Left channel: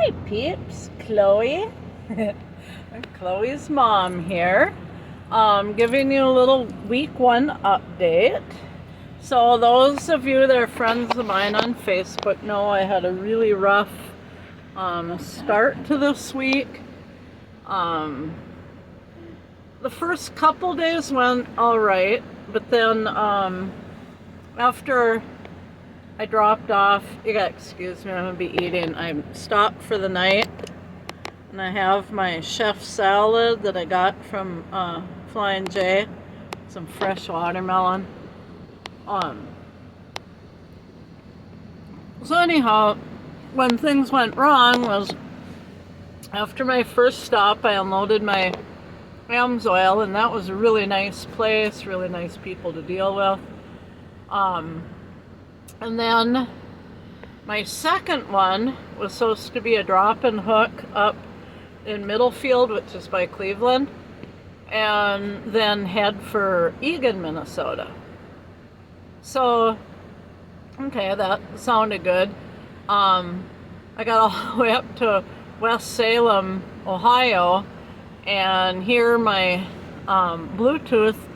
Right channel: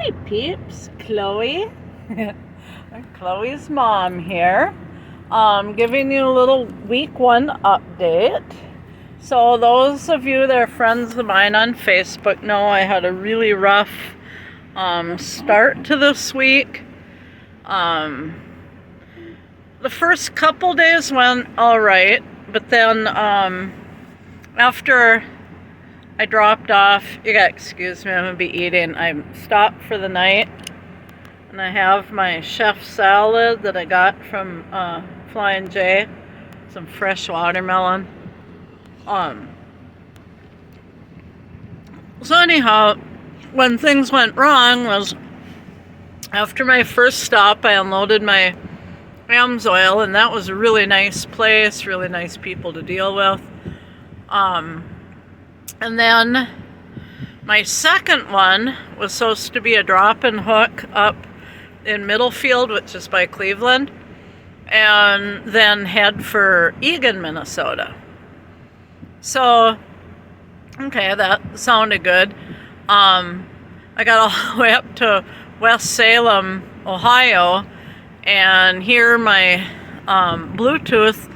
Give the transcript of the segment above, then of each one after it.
Hi peeps, Chloe. Chloe's mom here. Giving you a little week 1 update. So those of you that are friends of mine on Facebook know I had a really rough start to this week. The first couple days went all right, but then after I dropped off, you gotta excuse me, I'm gonna be eating. I stopped for the night, and I have my chef salad that I got from Flying J, some fresh watermelon. So anyhow, when things went wrong was after my first stop, I unloaded my AMSOIL, and that was a really nice place, really nice people to deal with. And then my second one was supposed to be a drop-in hook up in Middlefield, which is by Cleveland, and then head for Eagan, Minnesota. So, okay, that sounded good. I got all the way up to West Salem, Ohio, and here my Bluetooth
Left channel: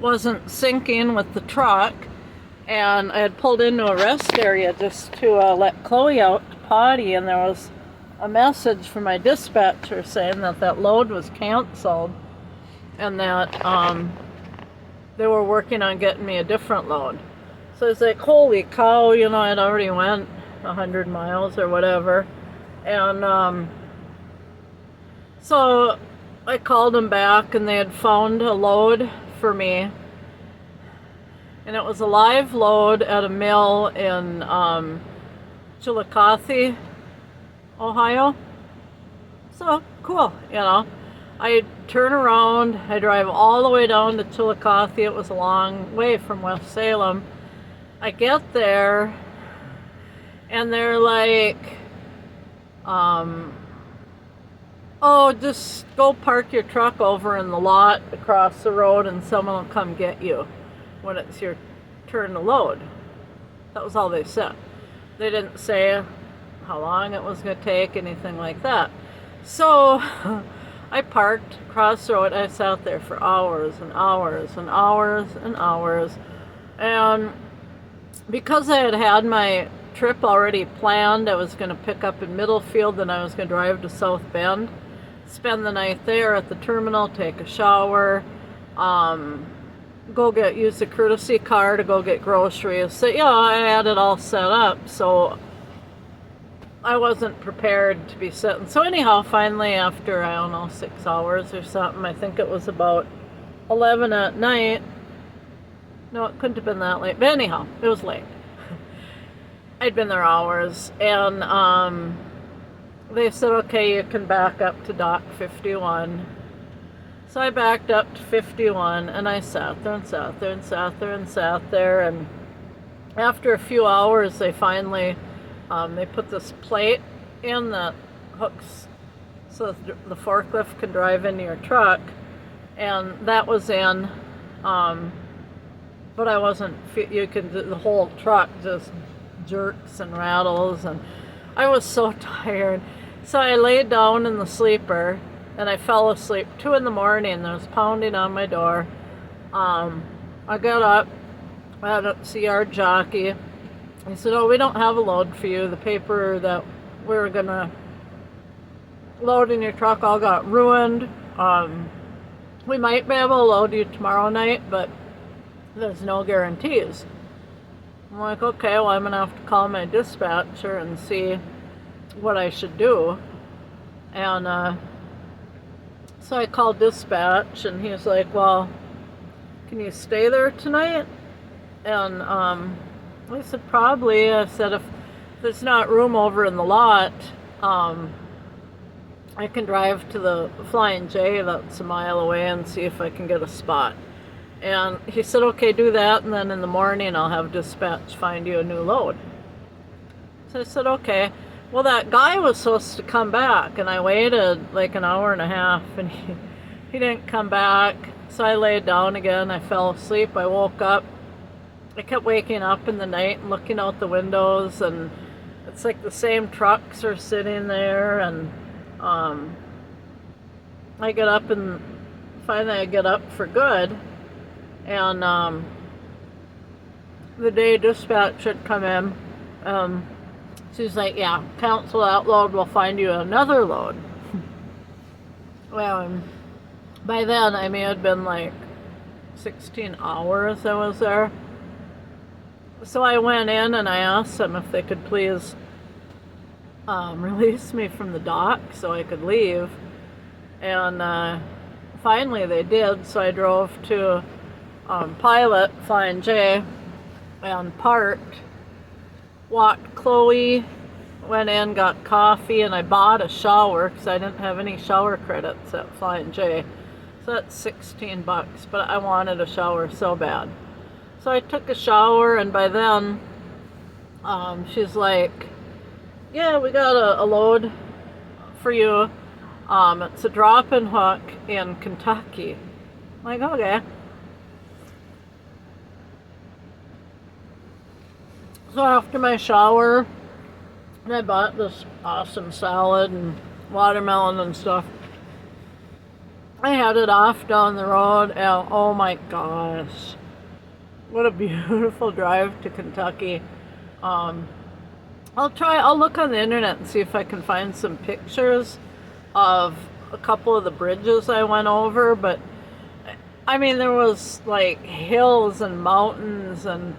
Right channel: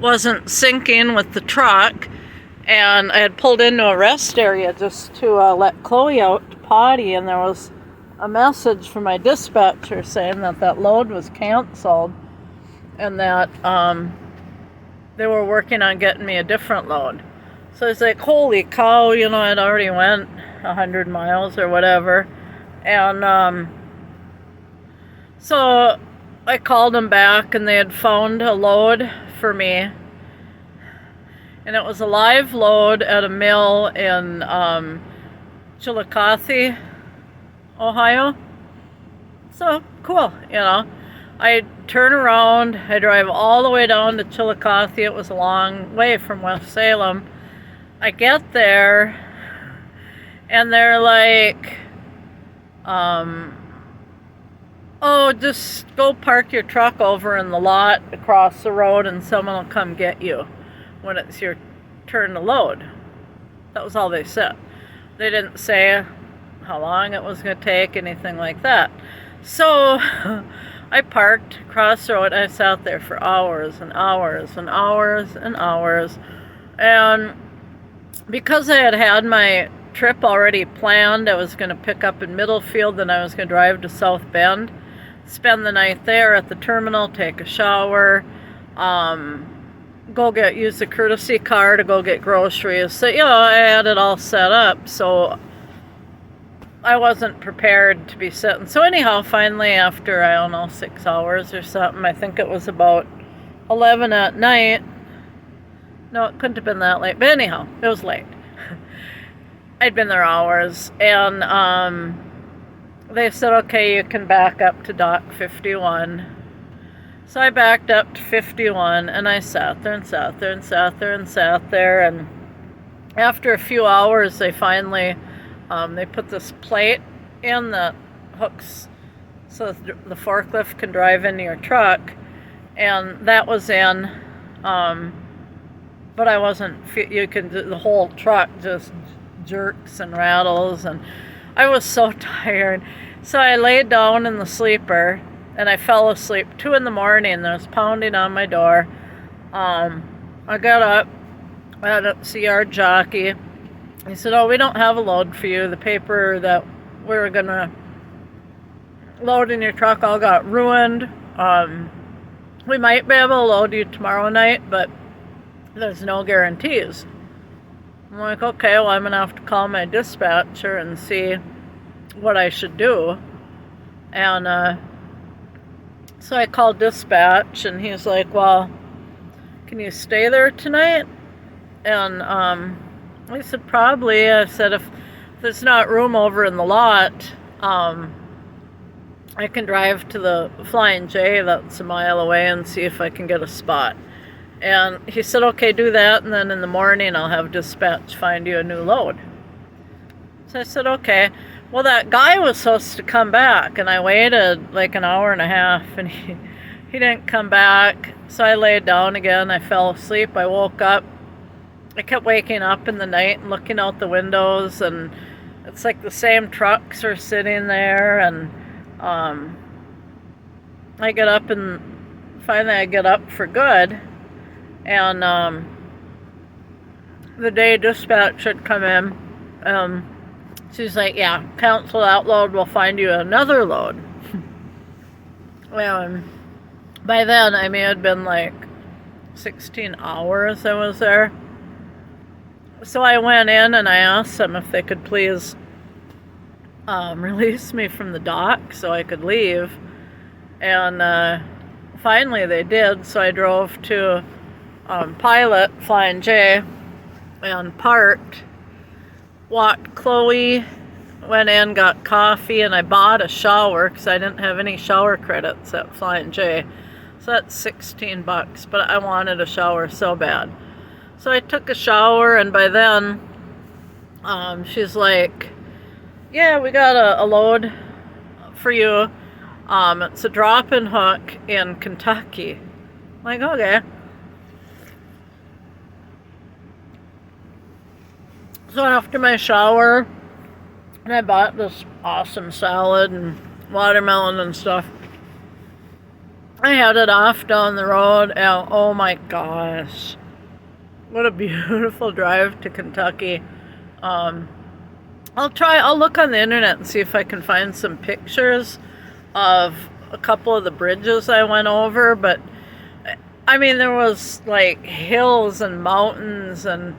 wasn't syncing with the truck, and I had pulled into a rest area just to let Chloe out to potty, and there was a message from my dispatcher saying that load was canceled and that they were working on getting me a different load. So I was like, holy cow, I'd already went 100 miles or whatever. And so I called them back, and they had found a load for me. And it was a live load at a mill in Chillicothe, Ohio. So cool, I turn around, I drive all the way down to Chillicothe. It was a long way from West Salem. I get there, and they're like, oh, just go park your truck over in the lot across the road, and someone will come get you when it's your turn to load. That was all they said. They didn't say how long it was going to take, anything like that. So I parked across the road. I sat there for hours and hours and hours and hours. And because I had my trip already planned, I was going to pick up in Middlefield, then I was going to drive to South Bend, spend the night there at the terminal, take a shower, use the courtesy car to go get groceries. So, I had it all set up, so I wasn't prepared to be sitting. So anyhow, finally, after, 6 hours or something, I think it was about 11 at night. No, it couldn't have been that late. But anyhow, it was late. I'd been there hours, and they said, okay, you can back up to Dock 51. So I backed up to 51, and I sat there and sat there and sat there and sat there, and after a few hours, they finally, they put this plate in that hooks so the forklift can drive into your truck, and that was in, but I wasn't, the whole truck just jerks and rattles, and I was so tired. So I laid down in the sleeper, and I fell asleep. 2 in the morning, there was pounding on my door. I got up, I had to see our jockey. He said, oh, we don't have a load for you. The paper that we were going to load in your truck all got ruined. We might be able to load you tomorrow night, but there's no guarantees. I'm like, okay, well, I'm going to have to call my dispatcher and see what I should do. And so I called dispatch, and he's like, well, can you stay there tonight? And I said, probably. I said, if there's not room over in the lot, I can drive to the Flying J that's a mile away and see if I can get a spot. And he said, okay, do that, and then in the morning I'll have dispatch find you a new load. So I said, okay. Well, that guy was supposed to come back, and I waited like an hour and a half, and he didn't come back. So I laid down again. I fell asleep. I woke up. I kept waking up in the night and looking out the windows, and it's like the same trucks are sitting there, and um, I get up and finally I get up for good, and the day dispatch had come in. She's like, yeah, cancel that load, we'll find you another load. And by then, I mean, it had been like 16 hours I was there. So I went in and I asked them if they could please release me from the dock so I could leave. And finally they did, so I drove to Pilot, Flying J, and parked, walked Chloe, went in, got coffee, and I bought a shower because I didn't have any shower credits at Flying J. So that's $16, but I wanted a shower so bad. So I took a shower, and by then, she's like, yeah, we got a load for you. It's a drop-in hook in Kentucky. I'm like, okay. So after my shower, and I bought this awesome salad and watermelon and stuff, I headed off down the road, and oh my gosh, what a beautiful drive to Kentucky. I'll look on the internet and see if I can find some pictures of a couple of the bridges I went over, but I mean, there was like hills and mountains, and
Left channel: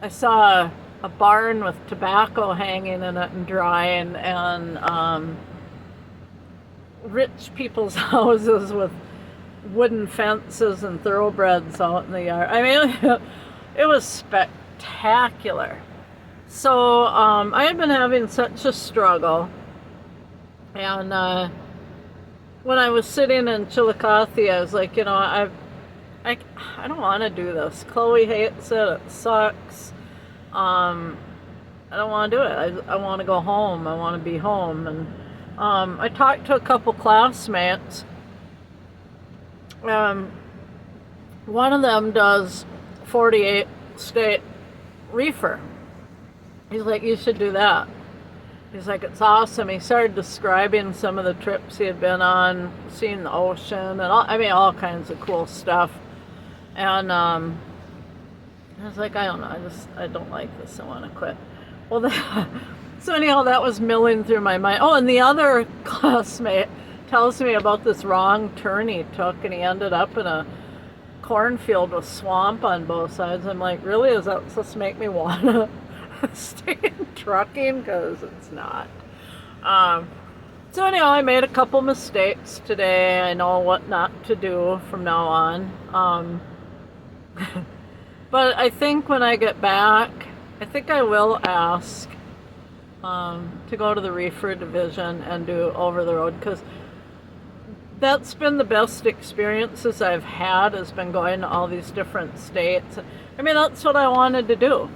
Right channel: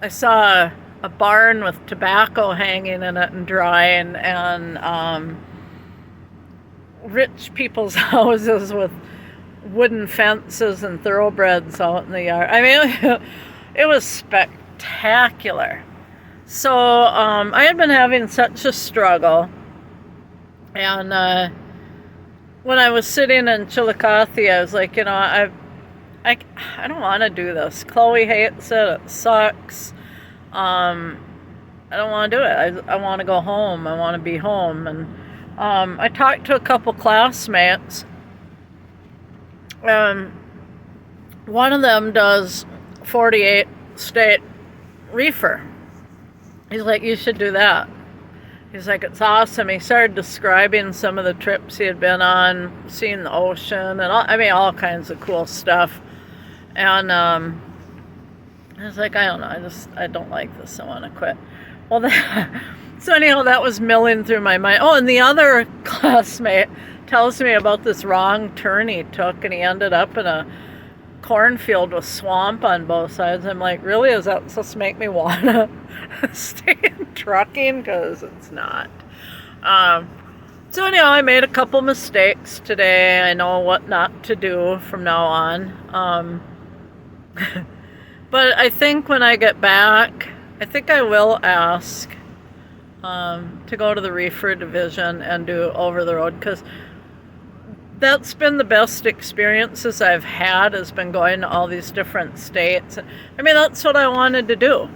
I saw a barn with tobacco hanging in it and drying, and rich people's houses with wooden fences and thoroughbreds out in the yard. I mean, it was spectacular. So I had been having such a struggle, and when I was sitting in Chillicothe, I was like, you know, I don't want to do this. Chloe hates it. It sucks. I don't want to do it. I want to go home. I want to be home. And I talked to a couple classmates. One of them does 48 state reefer. He's like, you should do that. He's like, it's awesome. He started describing some of the trips he had been on, seeing the ocean, and all kinds of cool stuff. And I was like, I don't know, I don't like this. I want to quit. Well, so anyhow, that was milling through my mind. Oh, and the other classmate tells me about this wrong turn he took, and he ended up in a cornfield with swamp on both sides. I'm like, really? Is that supposed to make me want to stay in trucking? Because it's not. So anyhow, I made a couple mistakes today. I know what not to do from now on. But I think when I get back, I think I will ask to go to the reefer division and do over the road, because that's been the best experiences I've had, has been going to all these different states. I mean, that's what I wanted to do.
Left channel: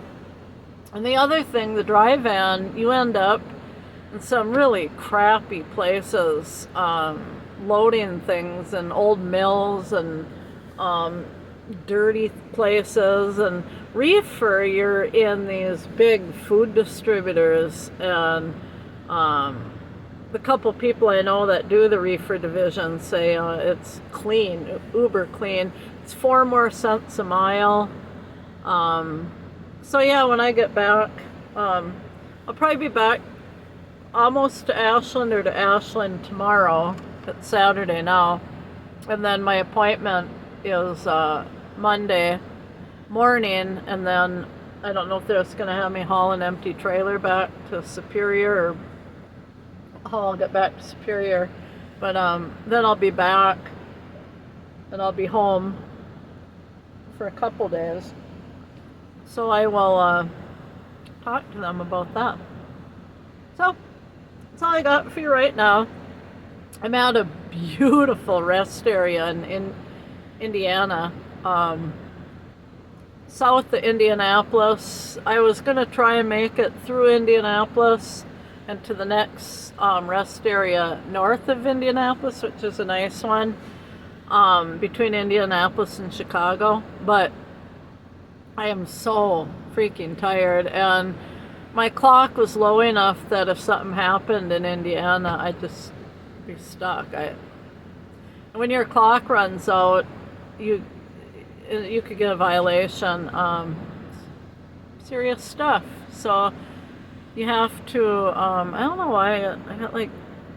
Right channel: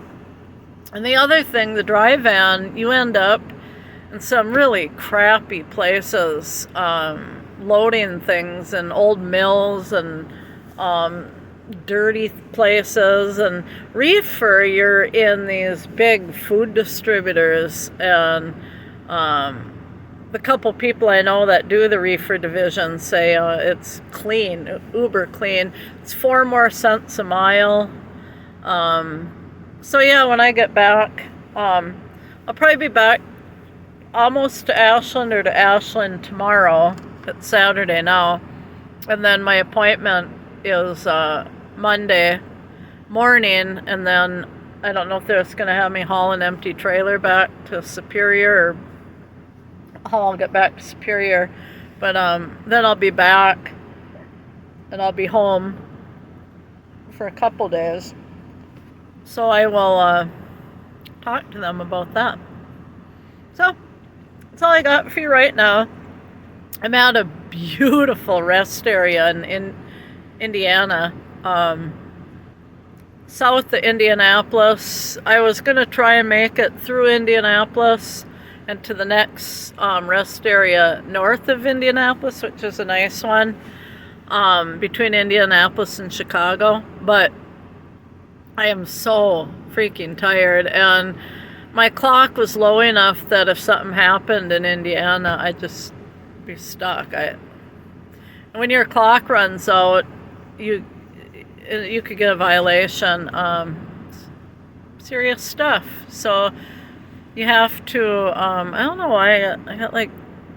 And the other thing, the dry van, you end up in some really crappy places, loading things in old mills and dirty places. And reefer, you're in these big food distributors, and the couple people I know that do the reefer division say it's clean, uber clean. It's 4 more cents a mile. So yeah, when I get back, I'll probably be back almost to Ashland or to Ashland tomorrow. It's Saturday now. And then my appointment is Monday morning, and then I don't know if they're just going to have me haul an empty trailer back to Superior, or how I'll get back to Superior. But then I'll be back, and I'll be home for a couple days. So I will talk to them about that. So that's all I got for you right now. I'm at a beautiful rest area in Indiana, south of Indianapolis. I was going to try and make it through Indianapolis and to the next rest area north of Indianapolis, which is a nice one, between Indianapolis and Chicago. But I am so freaking tired, and my clock was low enough that if something happened in Indiana, I'd just be stuck. When your clock runs out, you could get a violation. Serious stuff. So you have to. I don't know why I got like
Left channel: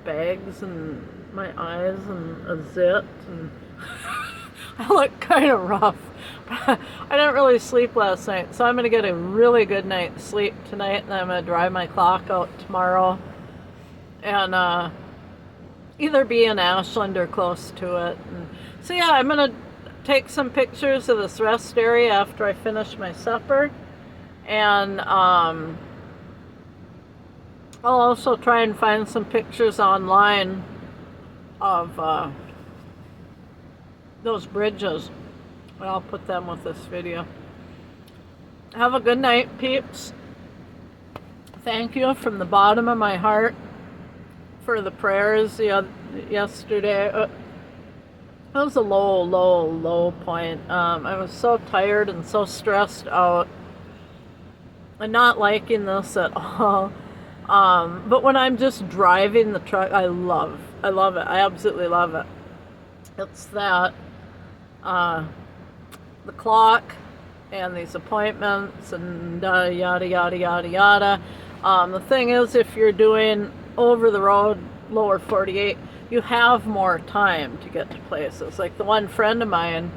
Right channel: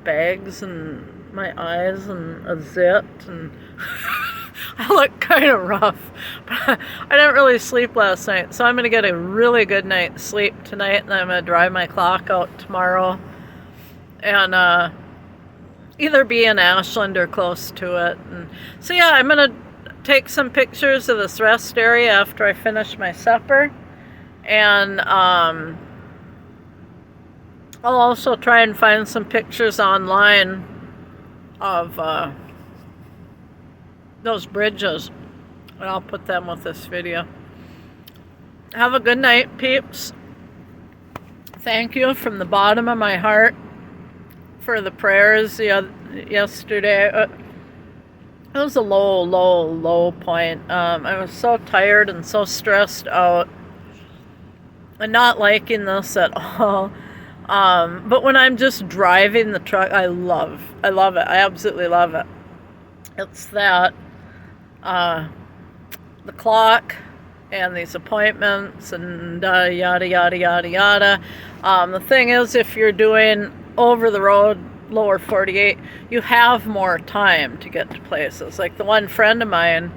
bags in my eyes and a zit, and I look kind of rough. But I didn't really sleep last night, so I'm gonna get a really good night's sleep tonight, and I'm gonna drive my clock out tomorrow, and either be in Ashland or close to it. And so yeah, I'm gonna take some pictures of this rest area after I finish my supper, and I'll also try and find some pictures online of those bridges, and I'll put them with this video. Have a good night, peeps. Thank you from the bottom of my heart for the prayers yesterday. It was a low point. I was so tired and so stressed out and not liking this at all. But when I'm just driving the truck, I love it. I absolutely love it. It's that, the clock and these appointments and yada, yada, yada, yada. The thing is, if you're doing over the road, lower 48, you have more time to get to places. Like the one friend of mine,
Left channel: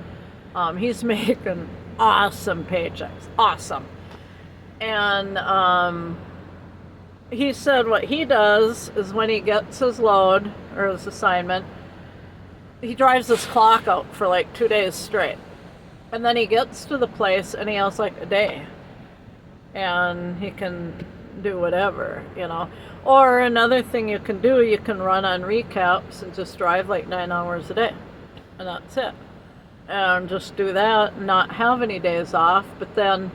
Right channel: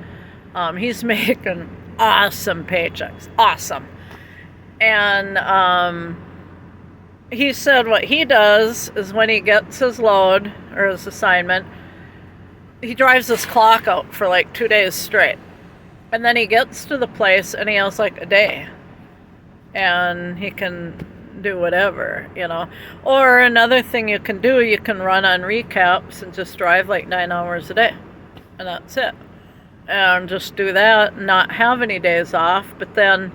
he's making awesome paychecks. Awesome. And, he said what he does is when he gets his load or his assignment, he drives his clock out for like 2 days straight. And then he gets to the place and he has like a day. And he can do whatever, you know. Or another thing you can do, you can run on recaps and just drive like 9 hours a day. And that's it. And just do that and not have any days off. But then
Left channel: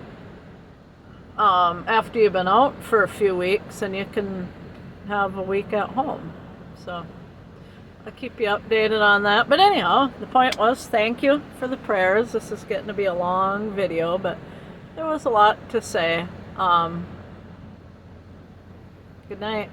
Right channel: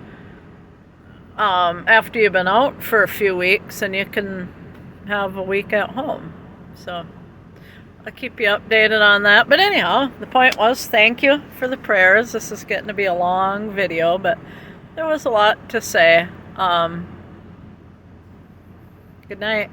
after you've been out for a few weeks, and you can have a week at home. So I'll keep you updated on that. But anyhow, the point was, thank you for the prayers. This is getting to be a long video, but there was a lot to say. Good night.